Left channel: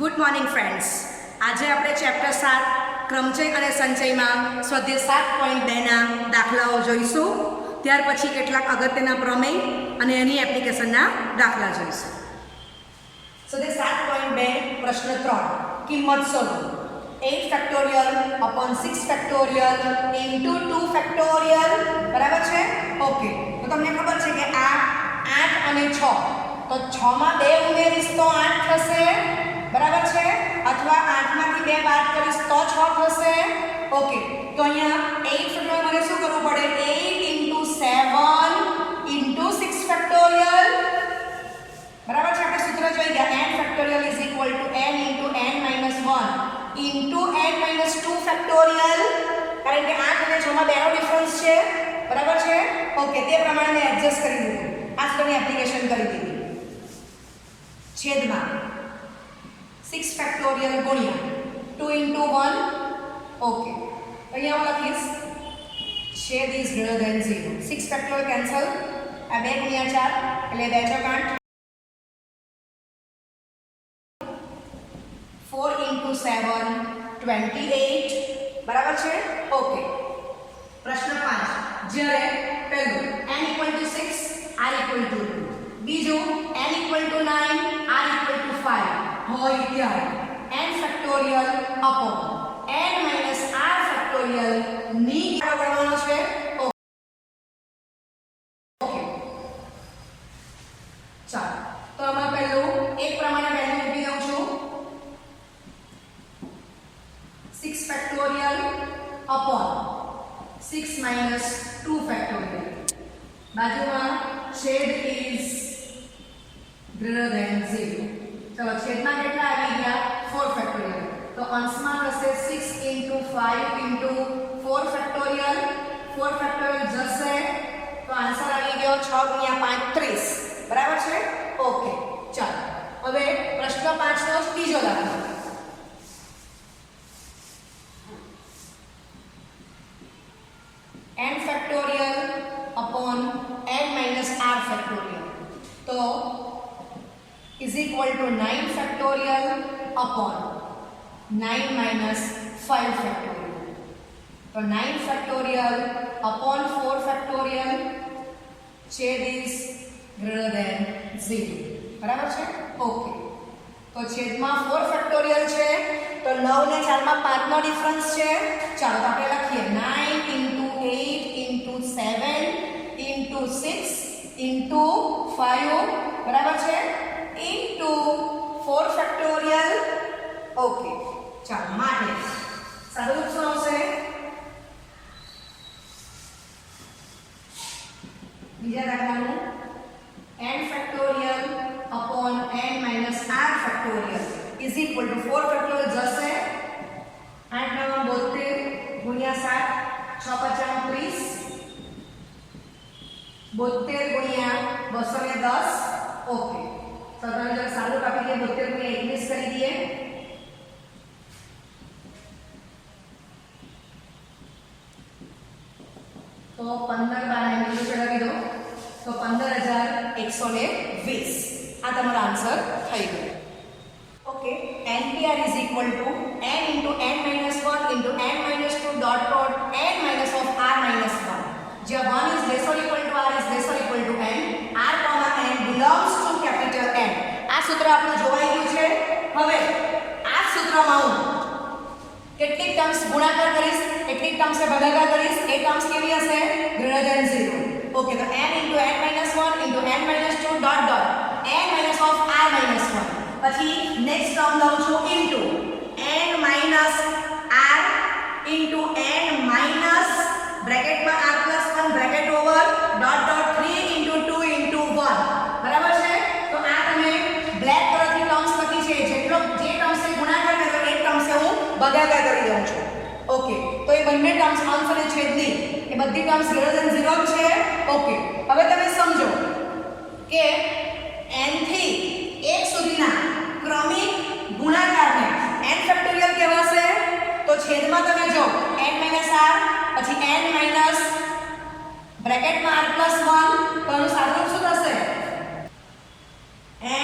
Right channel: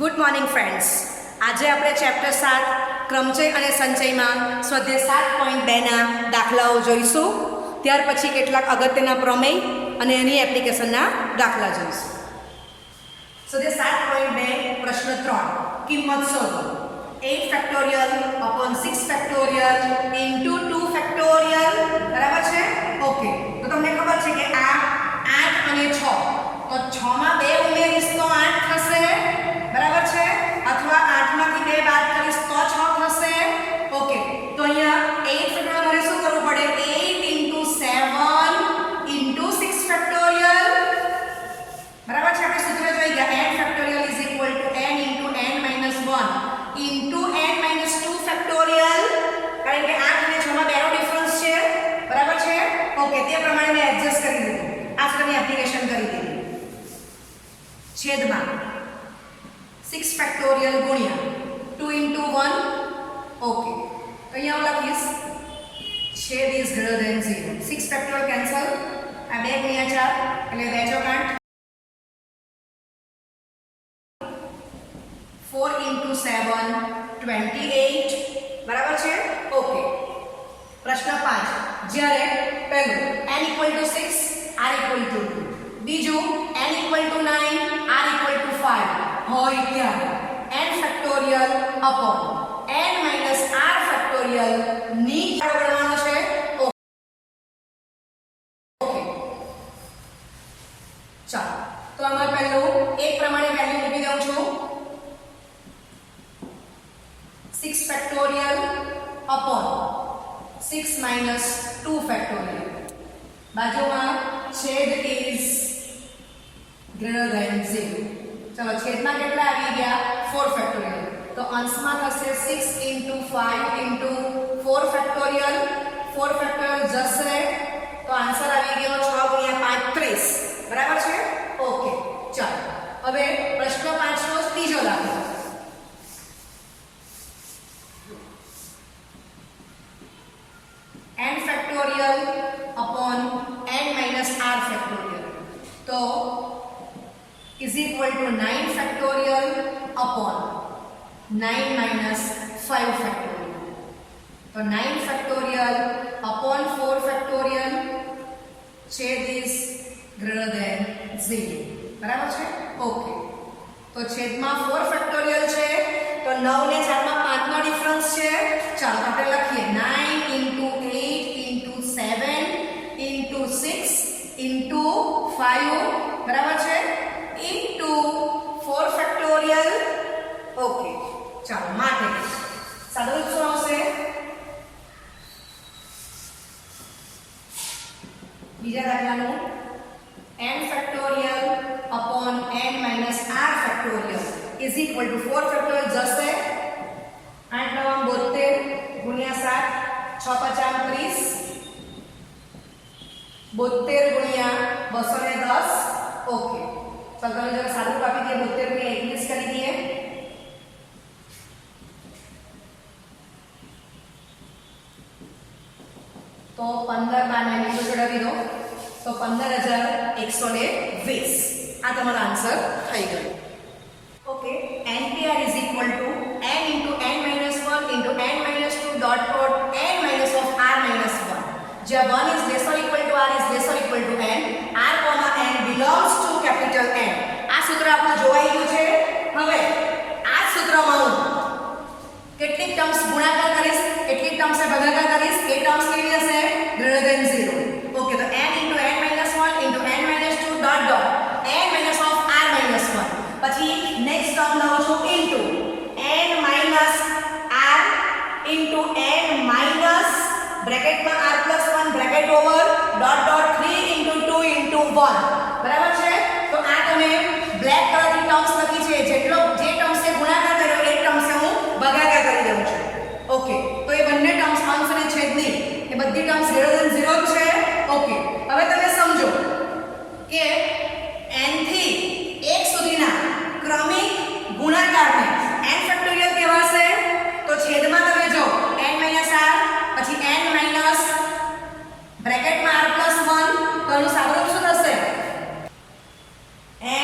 Good morning friends. આજે આપણે chapter 7 ક્રમચય અને સંચયમાં સ્વાધ્યાય 7.2ના દાખલાઓ જોઈશું. ત્યાર પછી કેટલાક અગત્યના પ્રમેય અને એની એપ્લિકેશનના દાખલા જોઈશું. સ્વાધ્યાય 7.2 પ્રશ્ન 3 કિંમત શોધો. 8 factorial upon 6 factorial into 2 factorial. બરાબર છે? ઓકે, તો તમને ખબર છે કે આ 8 અને 6, તો 6 માં 2 ઉમેરીશ તો 8 થશે. બરાબર છે? અથવા 8 માંથી 2 બાદ કરીશ તો 6 થશે. ઓકે, તો અહીંયા 8 ફેક્ટોરિયલ મને શું કરવું પડે? 8 into 7 into 6 ફેક્ટોરિયલ. બરાબર છે? આપણે સૂત્ર જોઈ ગયા. n factorial is equal to n into n minus 1 into n minus 2 factorial. કારણ કે 8 અને 6 માં 2 નો ડિફરન્સ છે. બરાબર છે? ઓકે, તે પ્રમાણે મેં એડજસ્ટ કરી દીધું. આ સ્ટેપની એપ્લિકેશન કરી દીધી. છેદમાં 6 ફેક્ટોરિયલ ગુણ્યા 2 into 1. ઓકે, અહીંયા હું લખીશ છેદ is greater than 0. 6 factorial cancel. આ 2 ગુણ્યા 4 એટલે 2 ચોક 8. 4 into 7 28. બરાબર છે? ઓકે, પ્રશ્ન 5. જ્યારે પહેલું n equal to 6 r equal to 2, બીજું n equal to 9 r equal to 5 હોય ત્યારે n factorial upon n minus r factorial ની ગણવાનો છે. ઓકે, ચાલો, તો આમાં પહેલું એક પ્રમાણે વેલ્યુ મૂકી દઉં છું. 6 ફેક્ટોરિયલ અપોન 6 માઇનસ 2 ફેક્ટોરિયલ. બાજુમાં છેદ ઇઝ ગ્રેટર ધેન 0. ચલો, છેદમાં કેટલા આવી ગયા? 4 ફેક્ટોરિયલ. તો અંશમાં થશે 6 into 5 into 4 ફેક્ટોરિયલ. 4 ફેક્ટોરિયલ જશે તો આન્સર આવી ગયો 6 ગુણ્યા 5 30. બરાબર છે? ઓકે, ચાલો, હવે પ્રશ્ન 5 નો ત્રીજો દાખલો. n factorial upon n minus r factorial. તો is equal to 9 factorial upon 9 minus 5 factorial. तो 9 factorial upon 4 factorial छेद is greater than 0. बराबर છે? ओके, तो છેદમાં 4 factorial છે, તો 9 ને 4 માં 5 નો ડિફરન્સ છે. ચાલો, આપણે લખીએ 9 into 8 into 7 into 6 into 5. બરાબર છે? into 4 factorial. ઓકે, ચાલો, માટે સાદું રૂપ શું આવશે? બીજા દાખલાનું n factorial upon n minus r factorial is equal to 4 factorial જશે 8 9 72 ગુણ્યા 7 6 5 30. 72 ગુણ્યા 210. ઓકે, तो તમે जरा सादू कापी दिए 72 गुणिया 21 કરી દઈએ. तो 15 બાર ને નીચે ચડાવી દો તો 15120. આ તમારો આન્સર થઈ ગયો. Okay, NTR is equal to n into n minus 1 into n minus 2 dot dot n minus of r minus 1. જ્યાં 1 is less or equal to r is less or equal to n, r comma n belongs to capital N. આ સૂત્ર આપણું જોવાઈ ગયું છે. હવે આ સૂત્રમાં હું કેટલીક ટર્મ્સ ગુણાકાર કરીશ, કેટલીક ટર્મ્સને ભાગાકાર કરીશ. એ ટર્મ્સ કેવી હશે? Greater than 0. ઓકે, તો n into n minus 1 into n minus 2 dot dot n minus of r minus 1. પછી નેક્સ્ટ ટર્મ લઉં છું into n minus r into n minus બ્રેકેટમાં r plus 1 bracket over dot dot 3 into 2 into 1. બરાબર છે? તો આ તમે black કલરથી terms લખી છે. જેટલો જે ટર્મ્સને ગુણાકાર કર્યો એ ટર્મ્સને હું ભાગાકાર કરી દઉં છું. ઓકે, તો એ બંને ટર્મ્સ અંશ અને છેદની એ બધી ટર્મ્સ ગ્રેટર ધેન 0 છે. ઓકે, હવે તમે સમજો કે n થી 1 સુધીના ક્રમિક ગુણાકારને n ફેક્ટોરિયલ કહેવાશે. તો છેદમાં તમે જો n r પછી n માઈનસ બ્રેકેટમાં r plus 1, તો આનું સાદુરૂપ શું થશે?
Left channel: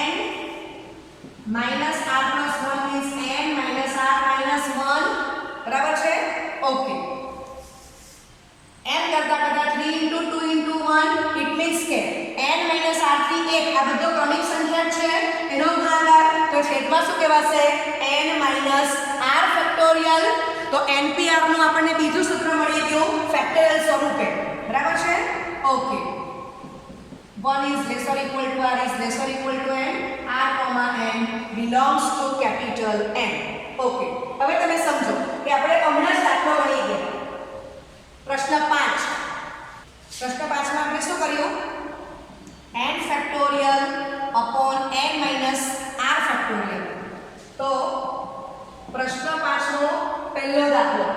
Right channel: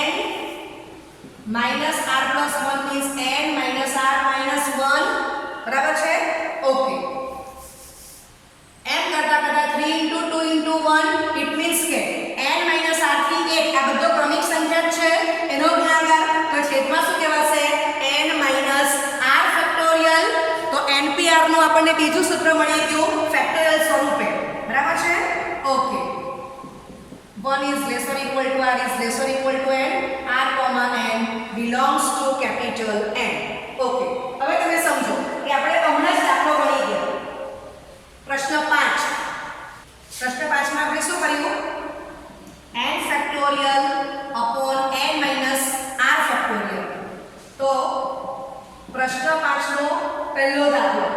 n minus r plus 1 means n minus r minus 1, બરાબર છે? ઓકે, એમ કરતા કરતા 3 into 2 into 1 ઇટ મીન્સ કે n માઇનસ આર થી 1 આ બધો ક્રમિક સંખ્યા છે એનો ગુણાકાર, તો છેદમાં શું કહેવાશે? n minus r factorial. તો npr નું આપણને બીજું સૂત્ર મળી ગયું ફેક્ટોરિયલ સ્વરૂપે, બરાબર છે? Okay, 1 is less or equal to r is less or equal to n, r comma n belongs to capital N. Okay, હવે તમે સમજો કે આપણે હમણાં જ દાખલો મળી ગયો પ્રશ્ન 5. પ્રશ્ન 5 માં આપણે શું કર્યું? n factorial upon n minus r factorial. તો પ્રશ્ન 5 નો પહેલો દાખલો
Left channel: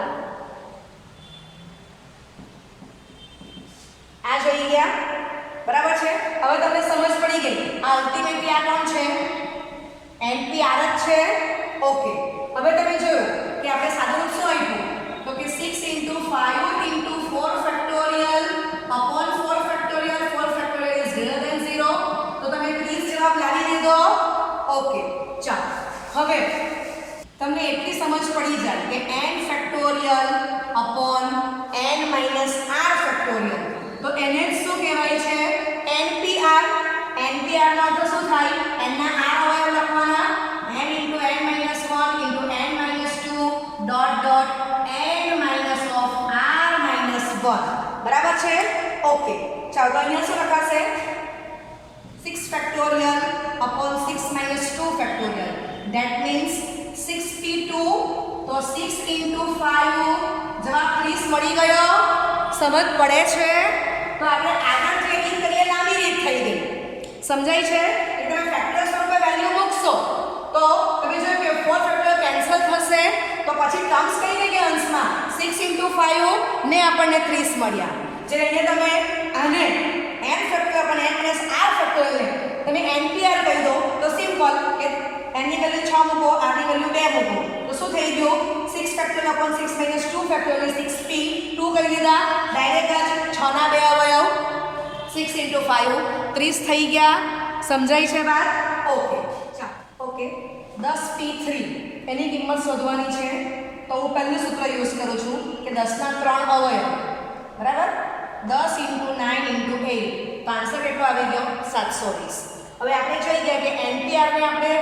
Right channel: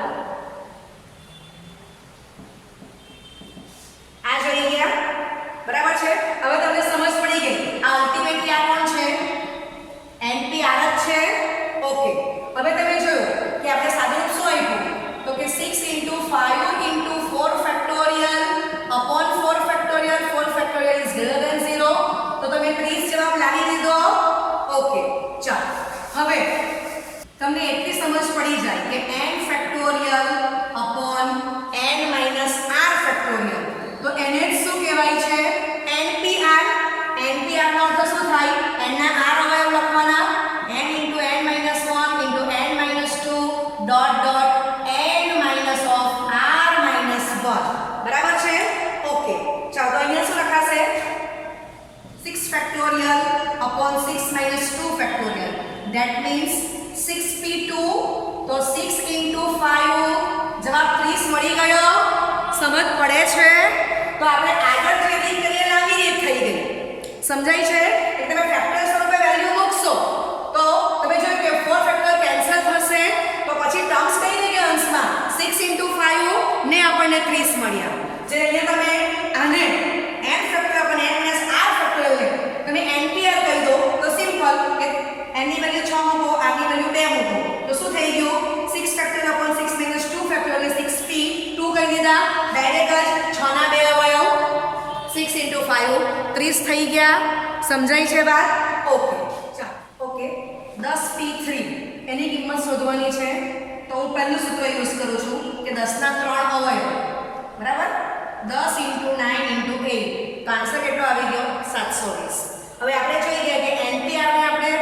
આ જોઈ ગયા, બરાબર છે? હવે તમને સમજ પડી ગઈ આ અલ્ટિમેટલી આ કોણ છે? npr જ છે. ઓકે, હવે તમે જોયું કે આપણે સાદુરૂપ શું આપ્યું? તો કે 6 into 5 into 4 factorial upon 4 factorial, 4 factorial is greater than 0. તો તમે 30 જવાબ લાવી દીધો. ઓકે, ચાલો હવે તમને એટલી સમજ પડી જાય કે n factorial upon n minus r factorial, તો એને જ શું કહેવાય છે? npr. npr નો અર્થ શું થાય? n ના r અવયવ લખવાના, n into n minus 1 into n minus 2 dot dot n minus of r minus 1, બરાબર છે? ઓકે, ચાલો તો અહીંયા શું લખાશે? 6 factorial upon 6 minus 2 factorial, that means 6p2. તો 6 into 5 જવાબ 30 મળી ગયો. સમજ પડે છે? તો આપણે આગળ જે રીત કરીએ લાંબી રીત થઈ ગઈ. સમજાય છે? એટલે તમે ફેક્ટોરિયલ સ્વરૂપે વેલ્યુ મૂકશો તો તમે જોયું કે 4 ફેક્ટોરિયલ કેન્સલ થશે, તો પછી ટર્મ્સ કઈ રહી ગઈ અંશમાં? 6 into 5 ને આપણને 30 મળ્યા. જે અહીંયા તમે આને n ફેક્ટોરિયલ પણ n minus r ફેક્ટોરિયલ ને તમે npr કહી દો તો સિમ્પલ કે n ની વેલ્યુ 6 મૂકો, r ની વેલ્યુ 2 મૂકો, તો શું થઈ ગયું? 6 factorial upon 6 minus 2 factorial is 6p. 2 કહી દીધા, ડાયરેક્ટ જ 6 ના 2 અવયવ 6 into 5 30 થઈ ગયા. સમજાય છે વાત? ઓકે, ચાલો. ઓકે, 10p3 એની કિંમત શોધવાની છે. તો હું પહેલું સૂત્ર યુઝ કરું છું કે 10 ના 3 અવયવ, બરાબર? 10 into 9 into 8, તો આન્સર કેટલો આવી ગયો? 720. હવે આપણે જોઈ ગયા કે npr ને આપણે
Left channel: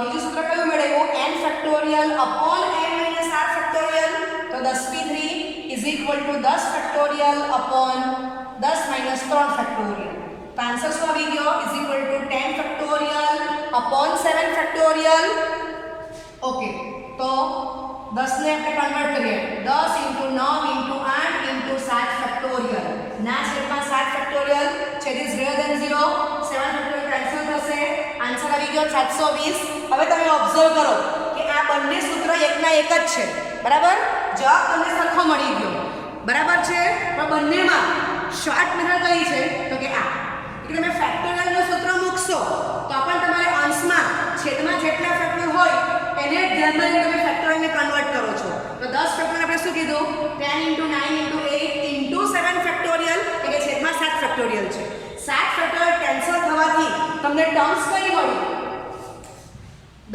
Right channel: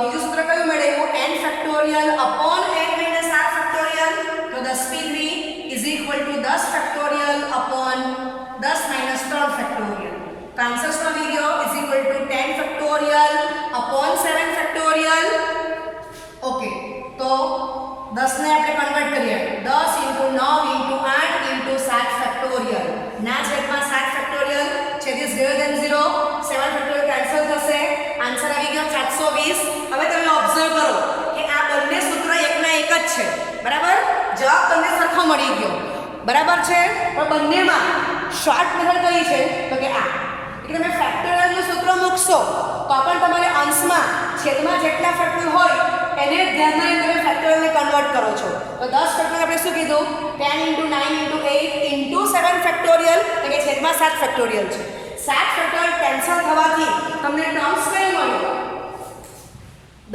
બીજું સૂત્ર કયું મેળવ્યું? n factorial upon n minus r factorial. તો 10p3 is equal to 10 factorial upon 10 minus 3 factorial. તો આન્સર શું આવી ગયો? is equal to 10 factorial upon 7 factorial. Okay, તો 10 ને આપણે કન્વર્ટ કરીએ 10 into 9 into 8 into 7 ફેક્ટોરિયલ ના છેદમાં 7 ફેક્ટોરિયલ, છેદ is greater than 0, 7 factorial cancel થશે. આન્સર આવી ગયો 720. હવે તમે ઓબ્ઝર્વ કરો કે આ બંને સૂત્ર એકના એક જ છે, બરાબર? જવાબ તમને સરખો મળી ગયો, બરાબર છે? પણ બંનેમાં શોર્ટ મેથડ કઈ છે? તો કે આ એટલે તમે ફેક્ટોરિયલનું સૂત્ર મૂકશો તો પણ તમારે અંશમાં છેદમાં જેટલા ફેક્ટોરિયલ હોય એને ધ્યાનમાં લઈને તમે ફેક્ટોરિયલને કન્વર્ટ કરો છો. તો 10 ફેક્ટોરિયલ આપણે શું કીધું? 10 into 9 into 8 into 7 ફેક્ટોરિયલ, એટલે છેદમાં 7 ફેક્ટોરિયલ છે. 7 ફેક્ટોરિયલ કેન્સલ થવાથી તમને ટર્મ્સ કઈ મળી?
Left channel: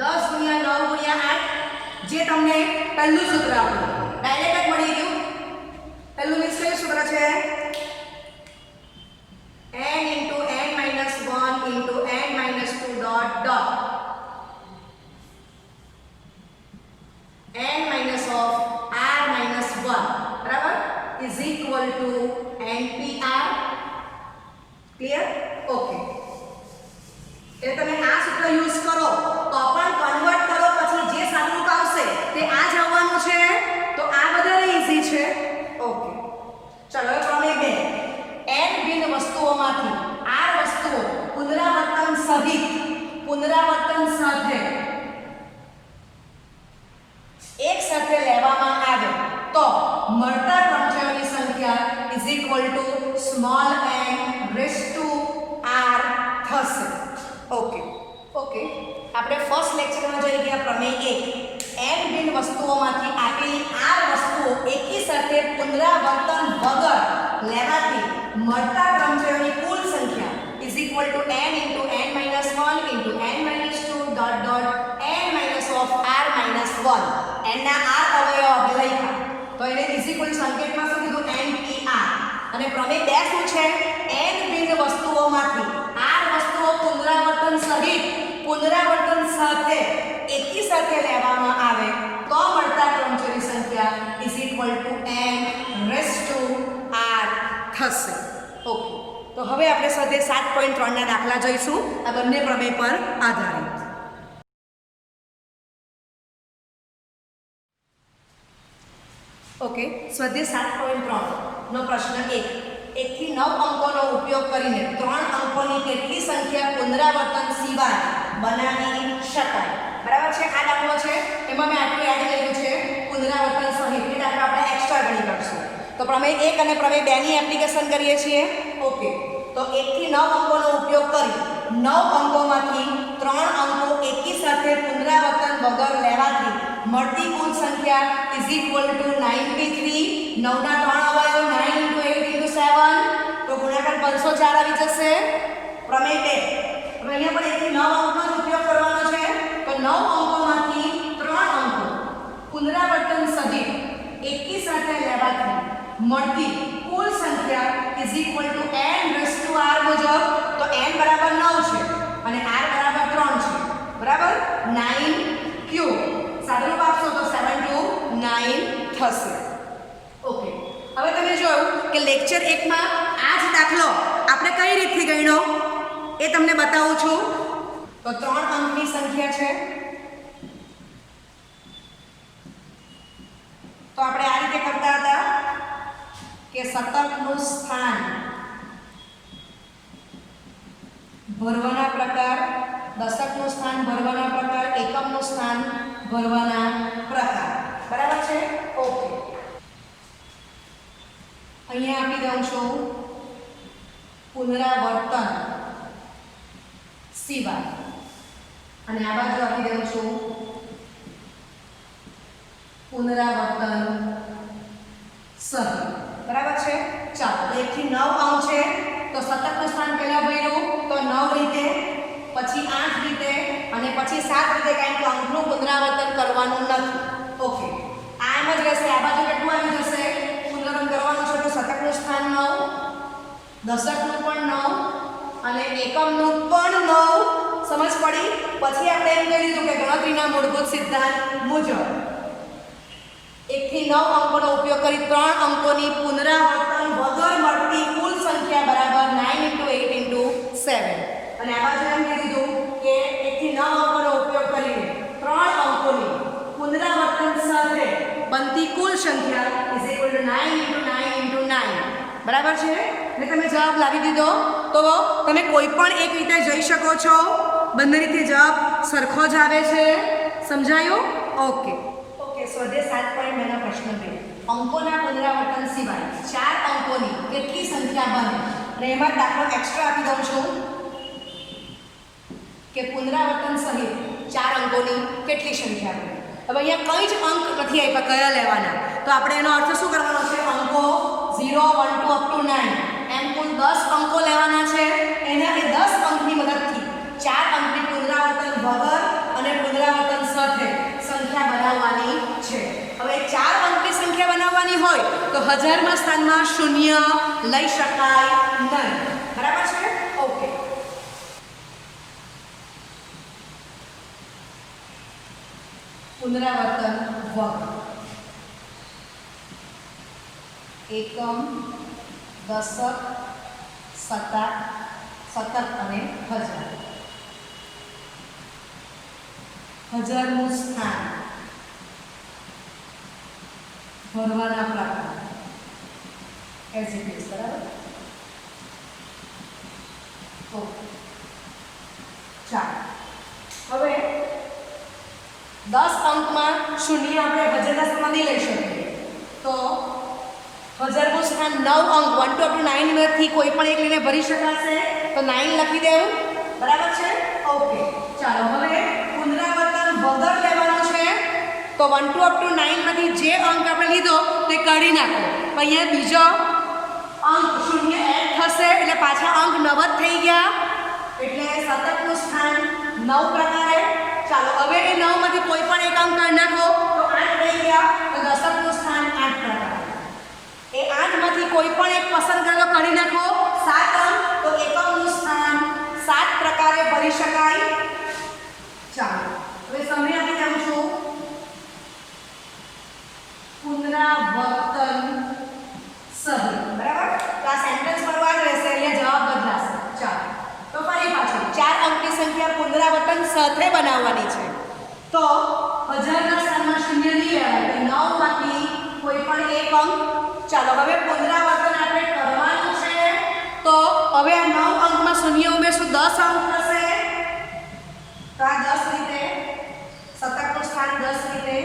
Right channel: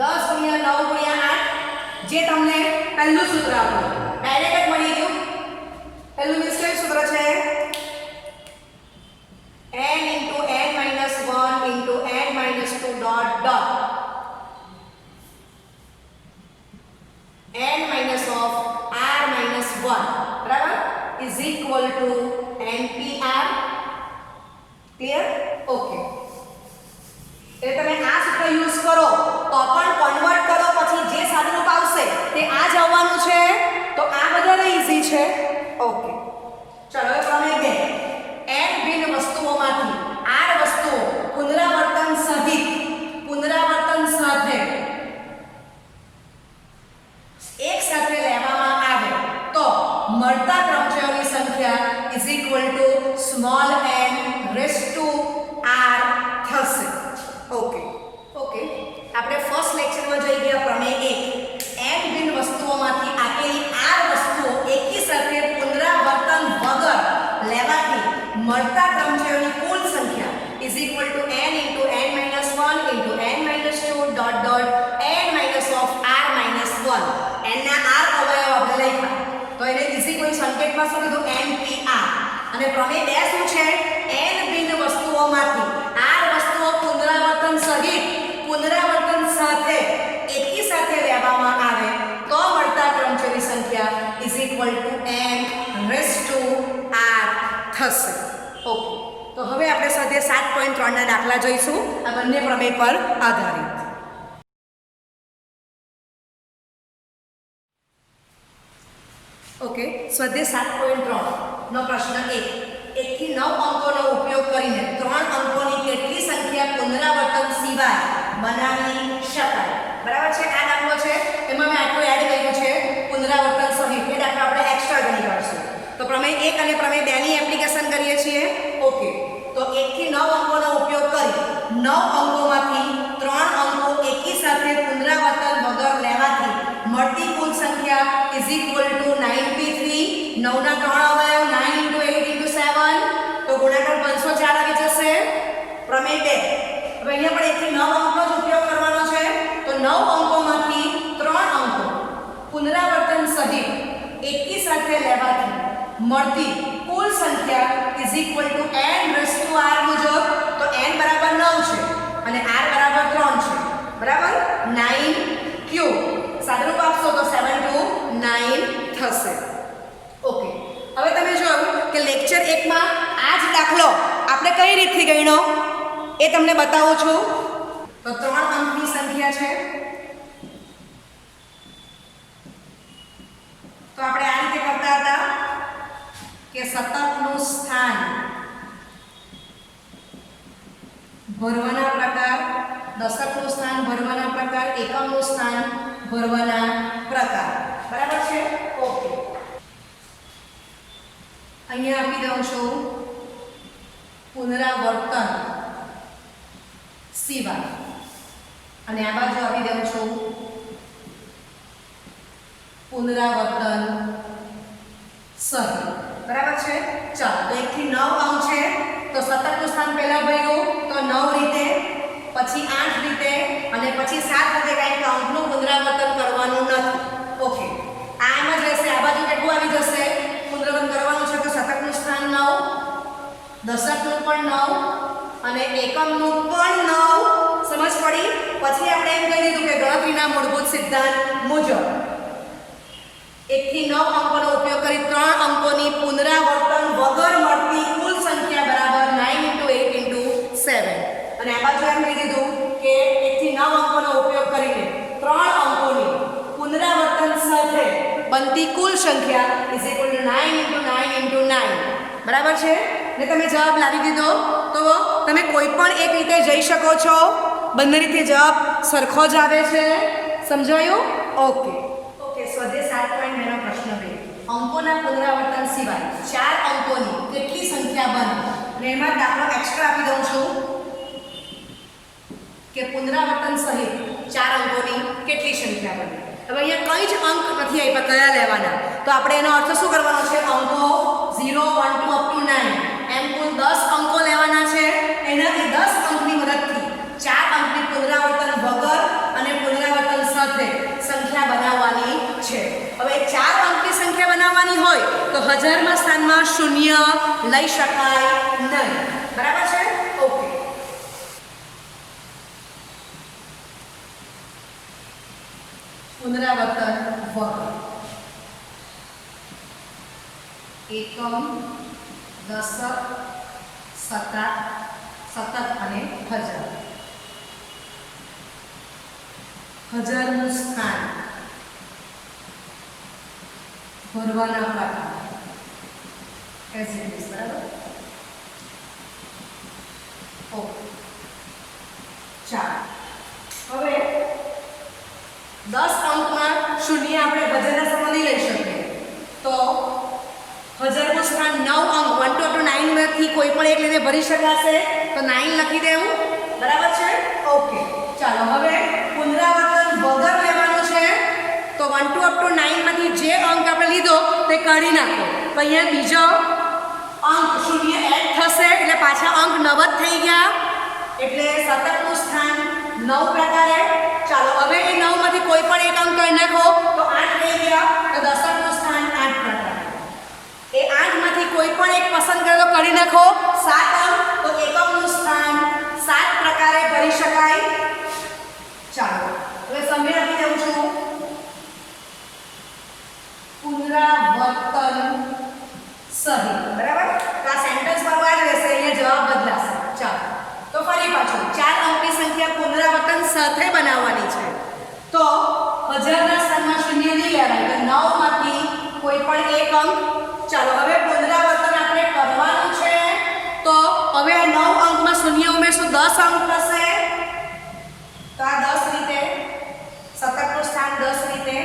10 ગુણ્યા 9 ગુણ્યા 8, જે તમને પહેલું સૂત્ર આપ્યું ડાયરેક્ટ જ મળી ગયું. પહેલું નિશ્ચય સૂત્ર છે n into n minus 1 into n minus 2 dot dot n minus of r minus 1, બરાબર, is equal to npr. Clear? Okay, એટલે તમે આ સૂત્ર યુઝ કરો તો પણ કન્વર્ટ કરો પછી જે સાદુરૂપ આવશે તે આ જ આવવાનું છે. તો આ વધારે ઈઝી છે. ઓકે, ચલો હવે પ્રમેય 2. n ભિન્ન વસ્તુઓમાંથી r વસ્તુઓ પુનરાવર્તન સાથે એક સાથે લેવામાં આવે તો મળતા ક્રમચયોની સંખ્યા is equal to small n raised to r થશે. ઓકે, આપણે ફર્સ્ટ લેક્ચરમાં જોઈ ગયા પ્રમેય 1. n ભિન્ન વસ્તુઓમાંથી આપેલી r વસ્તુઓ એકી સાથે પુનરાવર્તન વગર લેવાથી મળતા ક્રમચયોની કુલ સંખ્યા is equal to n into n minus 1 into n minus 2 dot dot dot n minus of r minus 1 n ના r અવયવ આપણે લખ્યા તો એને ઇઝ ઇક્વલ સંકેતમાં શું કીધું npr અને પ્રમેય 2 શું છે n ભિન્ન વસ્તુઓમાંથી r વસ્તુઓ પુનરાવર્તન સાથે એકી સાથે લેવામાં આવે તો મળતા ક્રમચરી સંખ્યા is equal to n raise to r થશે. ઓકે, તો હવે આપણે સાથે 7.3 ના દાખલા જોઈશું આ બંને પ્રમેય પર આધારિત. ઓકે, સ્વાધ્યાય 7.3 નો પ્રશ્ન 1 થી 9 અંકોનો ઉપયોગ કરીને 3 અંકોની કેટલી સંખ્યા પુનરાવર્તન સિવાય બનાવી શકાય. બરાબર છે. આ દાખલો છે એમાં મેં આટલું યાદ કર્યું છે પુનરાવર્તન સહિત એ દાખલો આપણે એક્સ્ટ્રા ગણી કરશું. તો પ્રમેય 1 અને પ્રમેય 2 ની એપ્લિકેશન કરીએ છીએ. ઓકે, તો 1 થી 9 અંકોનો ઉપયોગ કરી 9 અંકોમાંથી 3 અંકો એકી સાથે પુનરાવર્તન વગર લેવાથી મળતી કુલ સંખ્યા ઇઝ ઇક્વલ ટુ 93. 9 ના 3 અવયવ 9 * 8 * 7 તો ગુણાકાર 504 આવી જશે. પ્રમેય 2 હવે અહીંયા પણ 1 થી 9 અંકનો જ ઉપયોગ કરવાનો છે. તો 9 અંકોમાંથી 3 અંકો પુનરાવર્તન સહિત એકી સાથે લેવાથી મળતી કુલ સંખ્યા is equal to n raise to r મુજબ તો n બરાબર 9 છે અને r બરાબર 3 છે. બરાબર 9 ક્યુબ સાદુરૂપ આપશો તો 7 to 9 થશે. ઓકે, હવે તમે જોયું કે લેક્ચર 1 માં આ જ દાખલો આપણે કઈ રીતથી ગણ્યો એ તમને બતાવું છું. તો 3 અંકની સંખ્યા છે તો આપણે આ રીતે કરતા હતા કે શતકનું સ્થાન ભરવાના પ્રકાર, દશકનું સ્થાન ભરવાના પ્રકાર, એકમનું સ્થાન ભરવાના પ્રકાર. બરાબર છે. ઓકે, અહીંયા આપી દઉં છું પુનરાવર્તન સિવાય અને આ બાજુ આપી દઉં છું પુનરાવર્તન સહિત. બરાબર છે. ચાલો, તો 1 થી 9 અંક છે તો શતકનું સ્થાન પહેલા ભર્યું તો 9 રીતે, પછી 8 રીતે અને પછી 7 રીતે, કારણ કે અંકનું પુનરાવર્તન કરવાનું નથી. ઓકે, આ એમ જ રહેશે. આ બાજુ કેટલું આવી જશે પુનરાવર્તન કરવાનું છે તો શતકનું સ્થાન 9, દશકનું પણ 9 અને એકમનું પણ 9. સમજ પડી. પછી આપણે એમ કહી દીધું કે ગણતરીના મૂળભૂત સિદ્ધાંત મુજબ 1 થી 9 અંકોનો ઉપયોગ કરી 3 અંકોની પુનરાવર્તન વગર મળતી કુલ સંખ્યા બરાબર 9 * 8 * 7 અને આ બાજુ એમ કહી દીધું કે 1 થી 9 અંકોનો ઉપયોગ કરીને 3 અંકોની પુનરાવર્તન સાથે બનતી કુલ સંખ્યા ઇઝ ઇક્વલ ટુ 9 * 9 * 9. બરાબર છે ને તમે જવાબ લાવી દીધો તો તમે કોઈ પણ એક રીતે જઈ શકો છો. બંને રીતે જવાબ સરખો જ આવે છે. સમજાયું? ઓકે, સ્વાધ્યાય 7.2 નો પ્રશ્ન 2 અંકોના પુનરાવર્તન સિવાય 4 અંકોની કેટલી સંખ્યા બને અને એમાં દાખલો એક્સ્ટ્રા આપી દઉં છું કે પુનરાવર્તન સહિત 4 અંકોની કેટલી સંખ્યા બને. હવે અહીંયા કંઈ જ અંક નથી આપ્યા કયા લેવાના તો આપણે એનો અર્થ શું કરવાનો છે અંકો 0 1 2 up to 9 એમ કુલ 10 અંકો લેવાના છે. એના એ 10 અંકની મદદથી 4 અંકની પુનરાવર્તન વગર અને પુનરાવર્તન સાથે સંખ્યા બનાવવાની છે. હવે 4 અંકની સંખ્યા બનાવવાની હોય તો 1000માં સ્થાનમાં 0 લઈ શકાય નહીં. બરાબર છે. ઓકે, પુનરાવર્તન વગર એકમ, દશક, શતક અને 1000. 1000નું સ્થાન ભરવાના પ્રકાર એઝ ઇટ ઇઝ. બરાબર. ઓકે, ચાલો હવે 10 અંકમાં 0 આપણે 1000ના સમય નહીં લઈ શકીએ તો 1000નું સ્થાન 9 અંક 1 to 9 માંથી કોઈ પણ એક લઈને ભરી શકાશે તો 9 લખી દેવું. બરાબર છે. ઓકે, ચાલો હવે પુનરાવર્તન વગર લેવાનું છે તો 1 to 9 માંથી જે અંક આપણે લીધો તે કાઢી નાખો. તો અહીંયા બીજો અંક 0 એડ થશે એટલે પાછા અંક 9 જ થઈ ગયા. એટલે શતકનું સ્થાન 9 પ્રકારે ચાલો હવે એ 9 માંથી કોઈ પણ એક અંક કરી નાખો તો 8 રહી ગયા, તો દશકનું સ્થાન 8 પ્રકારે. એ 8 માંથી કોઈ પણ એક પસંદ કરેલો કરી નાખો 7 અંક, તો એકમનું સ્થાન 7 પ્રકારે ભરી શકાય. ચાલો હવે સમય આપી દઉં છું. પુનરાવર્તન સહિત, બરાબર? તો આ સેન્ટેન્સ મારું આ જ રહેશે, અહીંયા જવાબ બદલાશે. ચાલો તો ફરી પાછું 4 અંકની સંખ્યા પુનરાવર્તન સાથે બનાવવાની છે, તો 1000 ના સ્થાનમાં 0 નહીં લેવાય, તો 9 માંથી કોઈ પણ એક અંક. ચાલો હવે પુનરાવર્તન આપણે કરવાનું છે, તો હવે આ 9 અંકમાં 0 ઉમેરશું, 10 અંક થશે. તો આ 10 રીતે, શતકનું સ્થાન 10 રીતે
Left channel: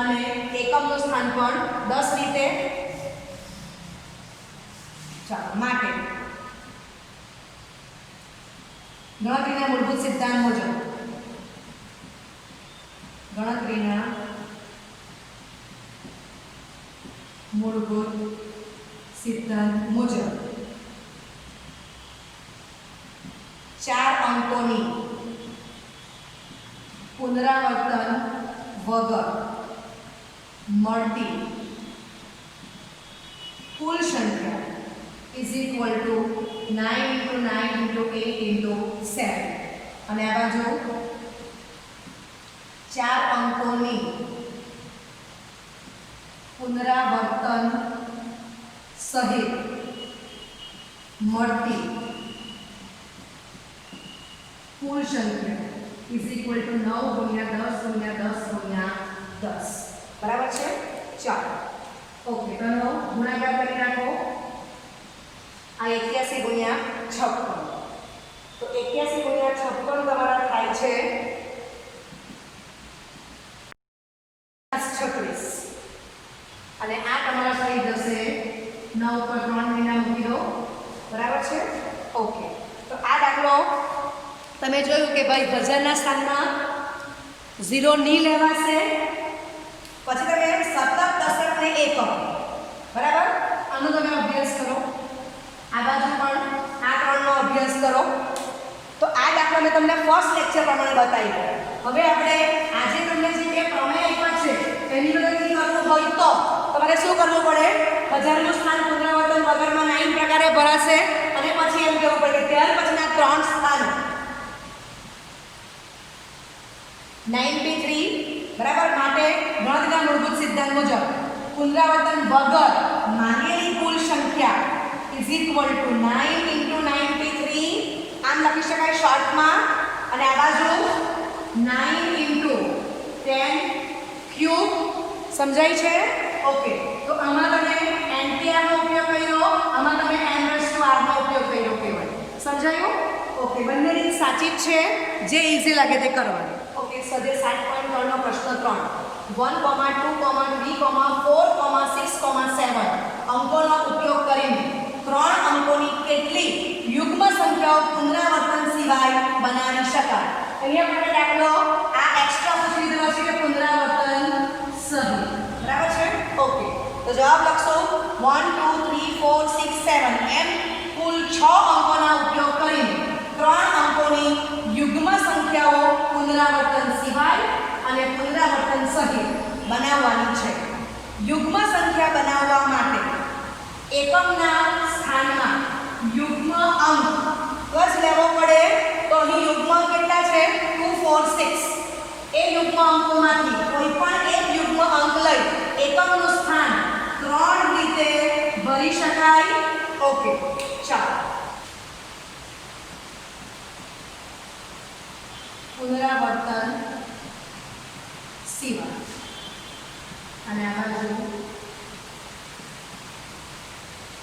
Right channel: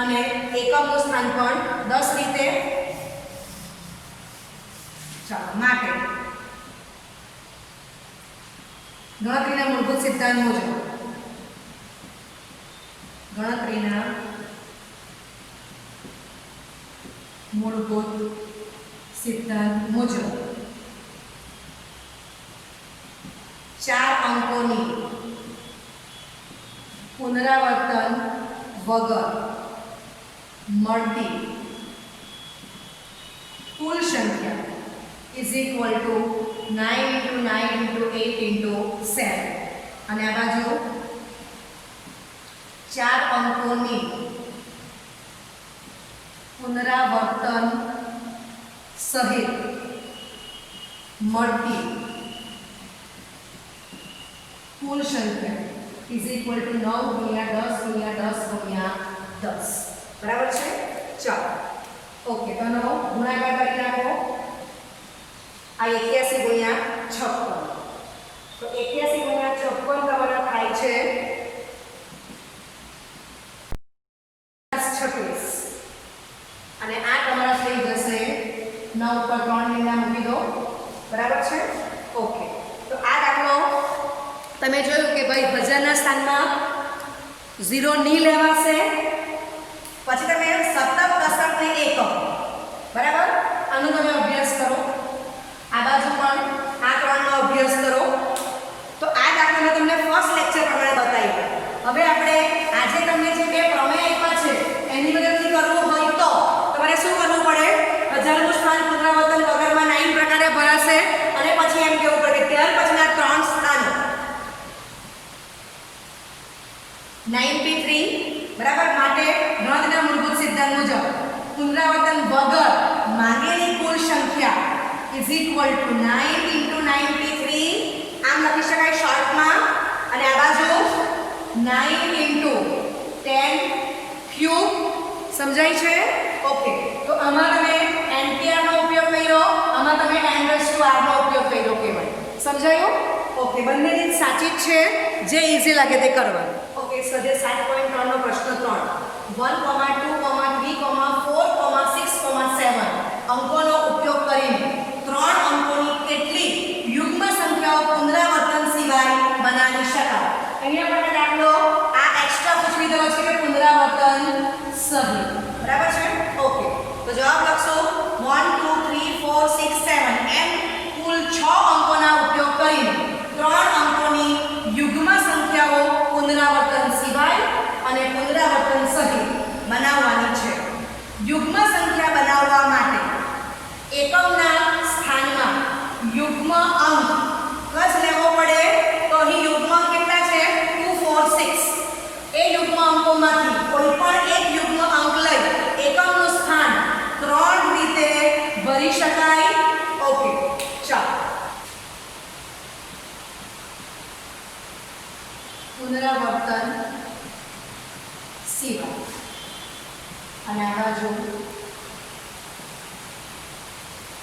અને એકમનું સ્થાન પણ 10 રીતે. ચાલો માટે ગણતરીના મૂળભૂત સિદ્ધાંત મુજબ, ગણતરીના મૂળભૂત સિદ્ધાંત મુજબ 4 અંકોની પુનરાવર્તન વગર મળતી કુલ સંખ્યા is equal to 9 into 9 into 8 into 7. અને આ બાજુ 4 અંકોની પુનરાવર્તન સહિત મળતી કુલ સંખ્યા is equal to 9 ગુણ્યા 10 ગુણ્યા 10 ગુણ્યા 10. બરાબર છે? ચાલો ઓકે, તો આનો ગુણાકાર કરી નાખો. આ 81 ગુણ્યા 56, તો 81 ગુણ્યા 56 તમારા થાય છે 36, અને આ તમારા થઈ જશે 9 પર 3 મહિના મૂકી દો. બરાબર છે? ઓકે, તો આ દાખલો તમે જોયું કે ભાઈ 1000 ના સ્થાનમાં 0 નહીં લેવાશે, પછી તમે શતક, દશક ને એકમ, બરાબર, આનો તમે અભ્યાસ કરો. આ બાજુ પણ આ 3 નો અભ્યાસ કરો. તો આ દાખલો મેં તમને ફર્સ્ટ લેક્ચર પ્રમાણે બતાવી. હવે આપણે આજે તમને જે બે પ્રમેય આપ્યા છે એની મદદથી કરવું હોય તો તમારે શું કરવું પડે? 1000 નું સ્થાન પુનરાવર્તન વગરમાં 9 પ્રકારે ભરાશે, અને પછી એમ કહેવું પડે ત્યાર પછીના 3 સ્થાનો 93, બરાબર. માટે ગણતરીના મૂળભૂત સિદ્ધાંત મુજબ પુનરાવર્તન વગર માંગેલી કુલ સંખ્યા is equal to 9 into 93, આમ લખી શકાય શોર્ટમાં, અને આ બાજુ 9 into 10 ક્યુબ. સમજાય છે? ઓકે, તો આમાં તમે NPR નો ઉપયોગ કર્યો, આમાં તમે n⁻r નો ઉપયોગ કર્યો કહેવાય. સમજાયું? ઓકે, બંને રીત સાચી જ છે, જે ઈઝી લાગે તે કરવાનું. ઓકે, સ્વાધ્યાય 7.3 નો પ્રશ્ન 3, 1, 2, 3, 4, 6, 7 અંકોનો ઉપયોગ કરીને 3 અંકોની કેટલી યુગ્મ સંખ્યાઓ પુનરાવર્તન સિવાય બનાવી શકાય? અહીંયા પણ દાખલો આ એક્સ્ટ્રા પૂછી દીધેલો છે કે પુનરાવર્તન સહિત. બરાબર છે? ઓકે, તો જવાબ લખશો 1, 2, 3, 4, 6, 7 એમ કુલ 6 અંકોના ઉપયોગ કરીને 3 અંકોની યુગ્મ સંખ્યાઓ પુનરાવર્તન સિવાય અને પુનરાવર્તન સહિત બનાવવાની છે. યુગ્મ સંખ્યા બનાવવા માટે એકમના સ્થાનમાં યુગ્મ અંક જ લેવો પડે. તો અહીં યુગ્મ કેટલા છે? 2, 4, 6. એ યુગ્મ અંકોમાંથી કોઈ પણ એક યુગ્મ અંક લઈ એકમનું સ્થાન 3 રીતે ભરી શકાય. ઓકે, ચાલો પુનરાવર્તન સિવાય, અને આ બાજુ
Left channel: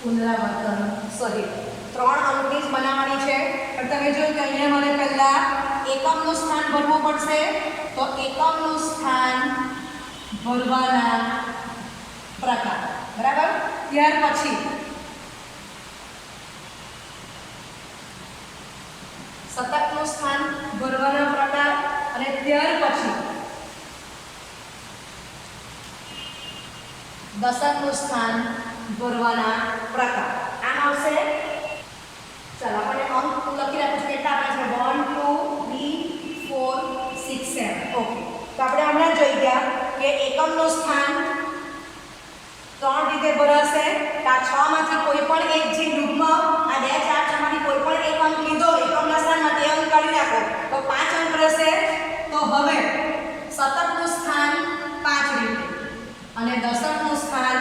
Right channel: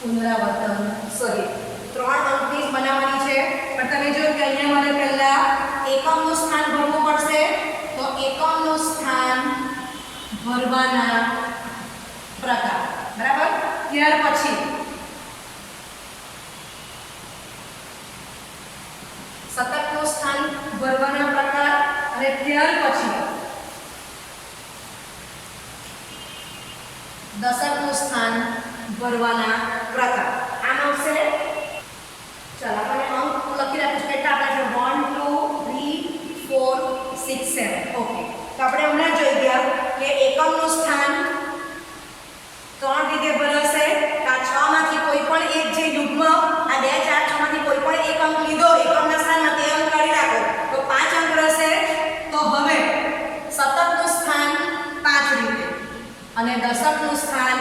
પુનરાવર્તન સહિત 3 અંકની જ બનાવવાની છે. પણ તમે જોયું કે અહીંયા મારે પહેલા એકમનું સ્થાન ભરવું પડશે, તો એકમનું સ્થાન ભરવાના પ્રકાર, બરાબર. ત્યાર પછી શતકનું સ્થાન ભરવાના પ્રકાર, અને ત્યાર પછી દશકનું સ્થાન ભરવાના પ્રકાર. આમ આવશે. ચાલો આપણે અંક લખી રાખીશું. કેટલા આપણા છે? 1, 2, 3, 4, 6, એકમનું સ્થાન 3 રીતે ભરાશે. તો આ 6 માંથી કોઈ પણ એક જે યુગ્મ આ 2 4 6 માંથી કોઈ પણ એક અંક લીધો એકમના સ્થાનમાં તે અંક કાઢી નાખો તો 5 અંક રહેશે. તો હવે શતકનું સ્થાન 5 રીતે અને દશકનું સ્થાન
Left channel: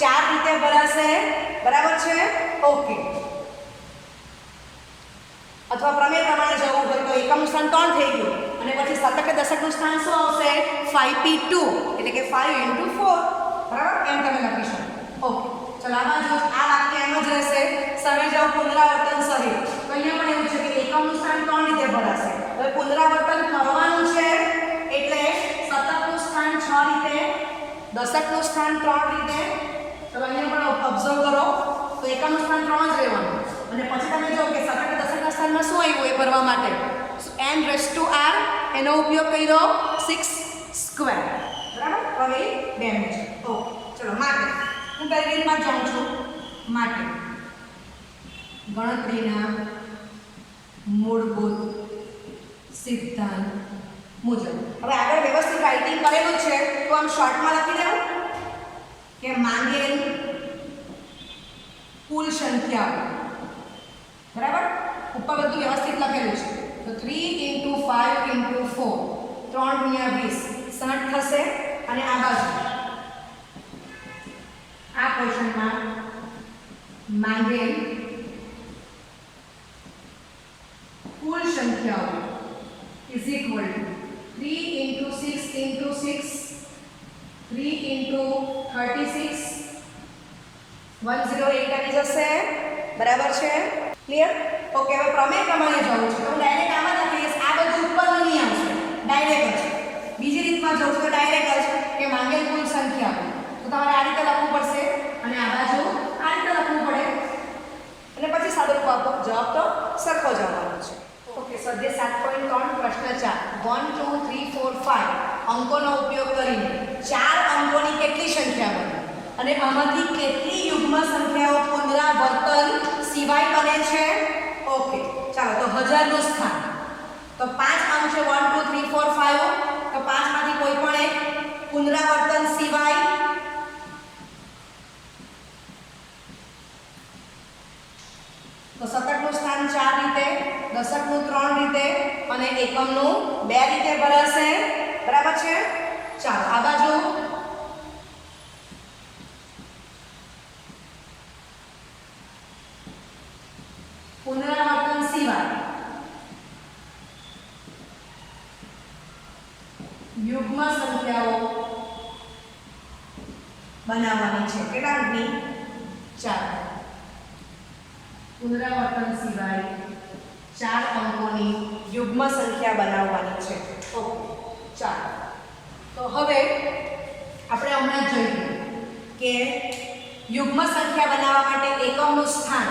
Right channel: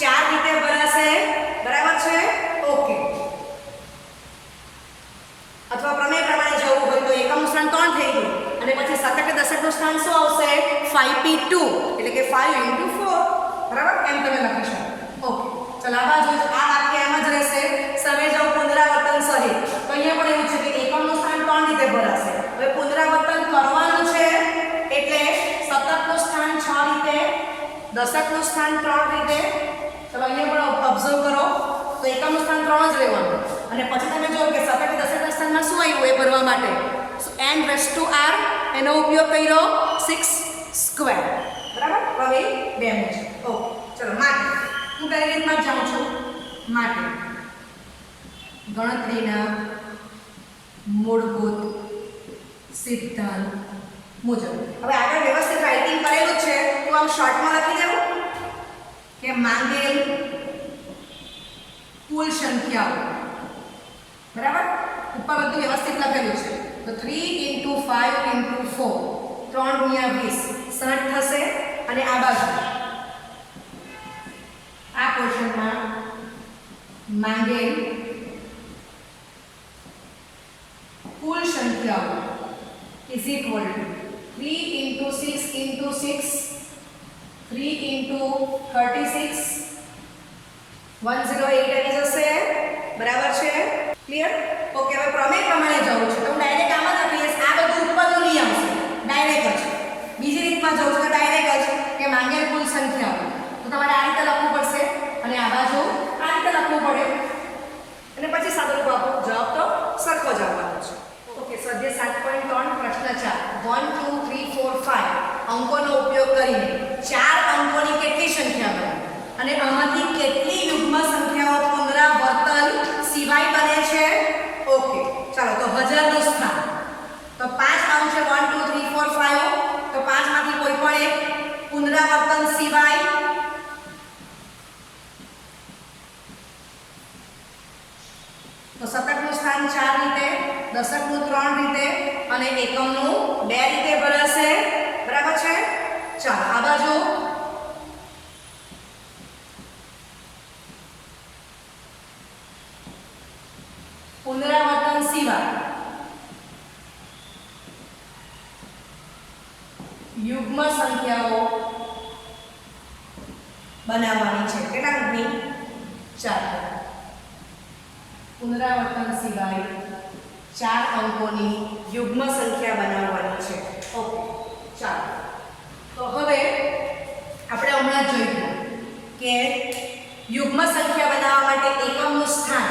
4 રીતે ભરાશે. બરાબર છે? ઓકે. અથવા પ્રમેય પ્રમાણે જવું હોય તો એકમનું સ્થાન 3 થઈ ગયું અને પછી શતક કે દશકનું સ્થાન શું આવશે? 5p2 એટલે કે 5 × 4. બરાબર? એમ તમે લખી શકો. ઓકે. ચલો આ બાજુ આ વાક્ય એમ જ રહેશે. સરે જાવ પુનરાવર્તન સહિત. તો અહીંયા પણ એવું છે કે એકમનું સ્થાન 3 રીતે ભરાશે. હવે પુનરાવર્તન કરવાનું છે એટલે શતકનું સ્થાન 6 રીતે, દશકનું સ્થાન 3 રીતે. ચલો અહીંયા પણ ઓબ્ઝર્વ કરો તો એકમનું સ્થાન 3 જ રહેવાનું અને પછી તમે જો કે શતક દશકના સ્થાનમાં શું આવ્યું એ ભરવા માટે n⁻r એનો ઉપયોગ કર્યો 6². બરાબર? હવે 2 નું છે. ઓકે. ચલો માટે હું તારી રીતમાં જાઉં છું. માટે ગણતરીના મૂળભૂત સિદ્ધાંત મુજબ. હવે આગળ વ્યવસ્થિત રાઇટિંગ કરેલું છે તો આમ શોર્ટમાં લખી દઉં કે માંગેલ કુલ સંખ્યાઓ. બરાબર? ઉપર બધું વ્યવસ્થિત લખેલું છે. તો 3 × 5 × 4 3 × 20 60 થશે અને આ બાજુ આ પોર્શનમાં માંગેલ કુલ સંખ્યાઓ is equal to 3 × 6 × 6 3 × 36 108 આવી જશે. બરાબર છે? ક્લિયર? ઓકે. હવે પ્રમેય પ્રમાણે જવું છે તો હું ડાયરેક્ટ આમાં જ લખીશ. આ બધું ઉપરનું નહીં આવશે, ડાયરેક્ટ જ. બીજી રીતમાં જવું છે તો ડાયરેક્ટ જ કે માંગેલ કુલ સંખ્યાઓ. તો તમારે આ રીતે લખવું પડશે અને આ બાજુ આ રીતે લખવું પડે અને પછી સાદુરૂપ આપો. જવાબ તો સરખો જ આવવાનો છે. ઓકે. સ્વાધ્યાય 7.3 પ્રશ્ન 4 1 2 3 4 5 અંકોનો ઉપયોગ કરીને 4 અંકોની કેટલી સંખ્યા બને અને આમાંથી કેટલી યુગ્મ સંખ્યાઓ પુનરાવર્તન સિવાય બને છે? ઓકે. ચાલો તો 1000 નું સ્થાન તો 5 અંક છે 1 2 3 4 5 તો 5 માંથી કોઈ પણ એક પુનરાવર્તન સિવાય. તો શતકનું સ્થાન 4 રીતે, દશકનું 3 રીતે અને એકમનું 2 રીતે ભરાશે. બરાબર છે? ચાલો આ બાજુ પુનરાવર્તન સિવાય યુગ્મ સંખ્યાઓ બનાવવાની છે. કેટલા અંકની? 4. પુનરાવર્તન સિવાય 4 અંકોની યુગ્મ સંખ્યા બનાવવાની છે. ઓકે. ચાલો તો હવે આપણે હમણાં જોઈશું કે યુગ્મ સંખ્યા બનાવવા માટે એકમનું સ્થાન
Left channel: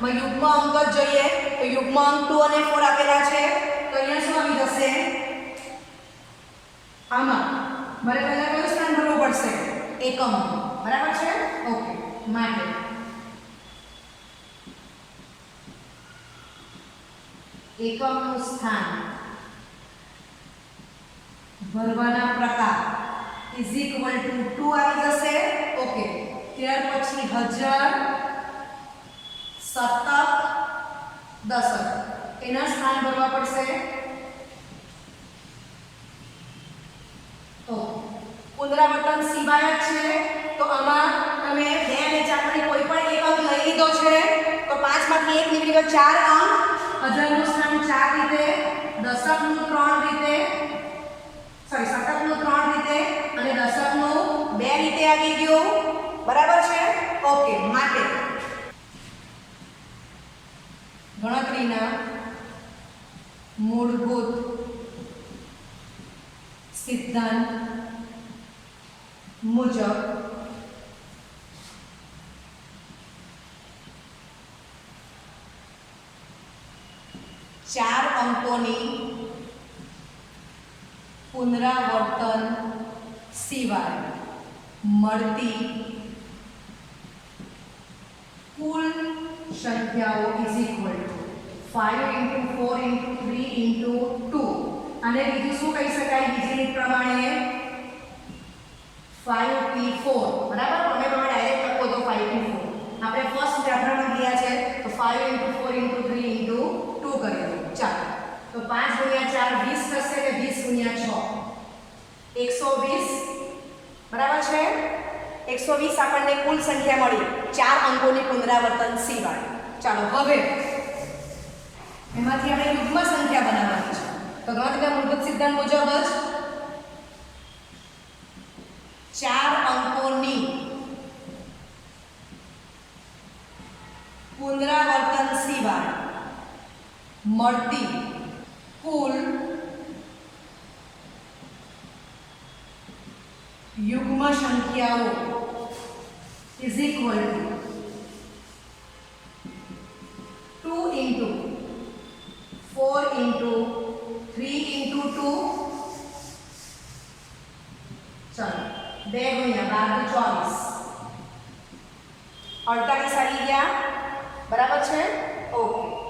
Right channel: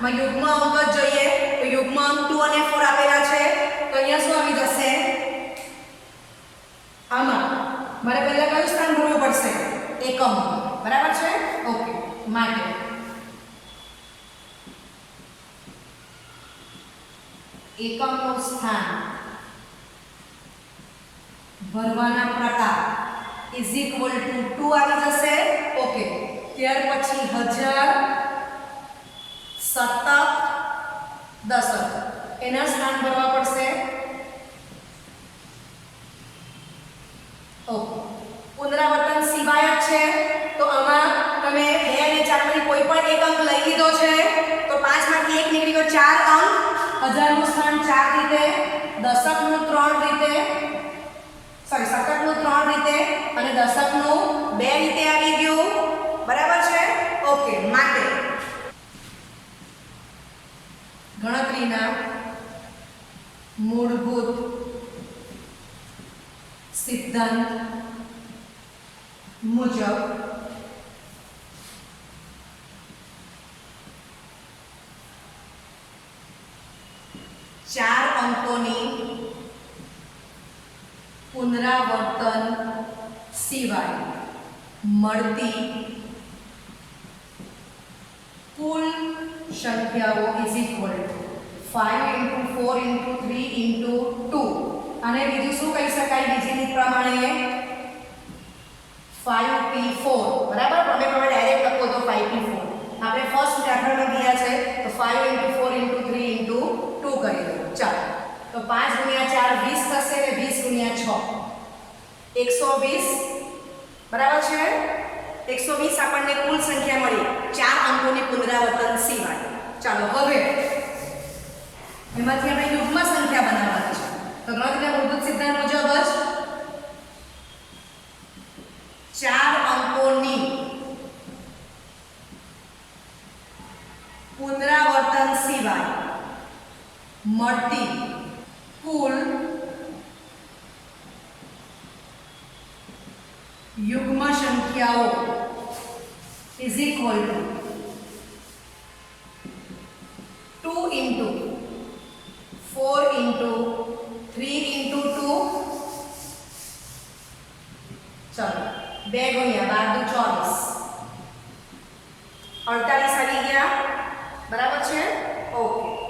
માં યુગ્મ અંક જ જોઈએ. તો યુગ્મ અંક 2 અને 4 આપેલા છે તો અહીંયા શું આવી જશે? આમાં મારે પહેલા કયું સ્થાન ભરવું પડશે? એકમ. બરાબર છે? ઓકે. માટે એકમનું સ્થાન ભરવાના પ્રકાર ઇઝ ઇક્વલ ટુ 2 આવી જશે. ઓકે. ત્યાર પછી 1000 શતક દશક એના સ્થાન ભરવા પડશે. ઓકે. પુનરાવર્તન સિવાય જ છે તો આમાં તમે 2 અને 4 માંથી કોઈ પણ એક અંક લઈ લીધો છે તો 5 માંથી એક નીકળી ગયો 4 અંક. 1000 નું સ્થાન 4 રીતે, દશકનું 3 રીતે, સોરી શતકનું 3 રીતે અને દશકનું 2 રીતે આવી ગયું. બરાબર છે? ઓકે. માટે ગણતરીના મૂળભૂત સિદ્ધાંત મુજબ ચાર અંકોની પુનરાવર્તન સિવાય મળતી કુલ સંખ્યાઓ ઇઝ ઇક્વલ ટુ 5 × 4 × 3 × 2 અને બીજું શું કહી શકાય બીજી રીત પ્રમાણે 5p4 બરાબર પ્રમેય પ્રમાણે ડાયરેક્ટ લખો તો 5p4 આપણે ફર્સ્ટ દાખલામાં ગયા છે તો 5 * 4 * 3 * 2 કરી દો ચાલો તો 5 × 4 20 થશે કે 20 × 6 120 બરાબર છે 120 આપણને કુલ સંખ્યા મળી 4 અંકોની પુનરાવર્તન સિવાય ચાલો હવે એમાંથી આપણે યુગ્મ સંખ્યા બનાવવાની છે તો ગણતરીના મૂળભૂત સિદ્ધાંત મુજબ જ 4 અંકોની પુનરાવર્તન સિવાય મળતી કુલ યુગ્મ સંખ્યાઓ is equal to 2 * 4 * 3 * 2 ચલો 2 × 12 = 24 48 આવી ગયા બરાબર છે ઓકે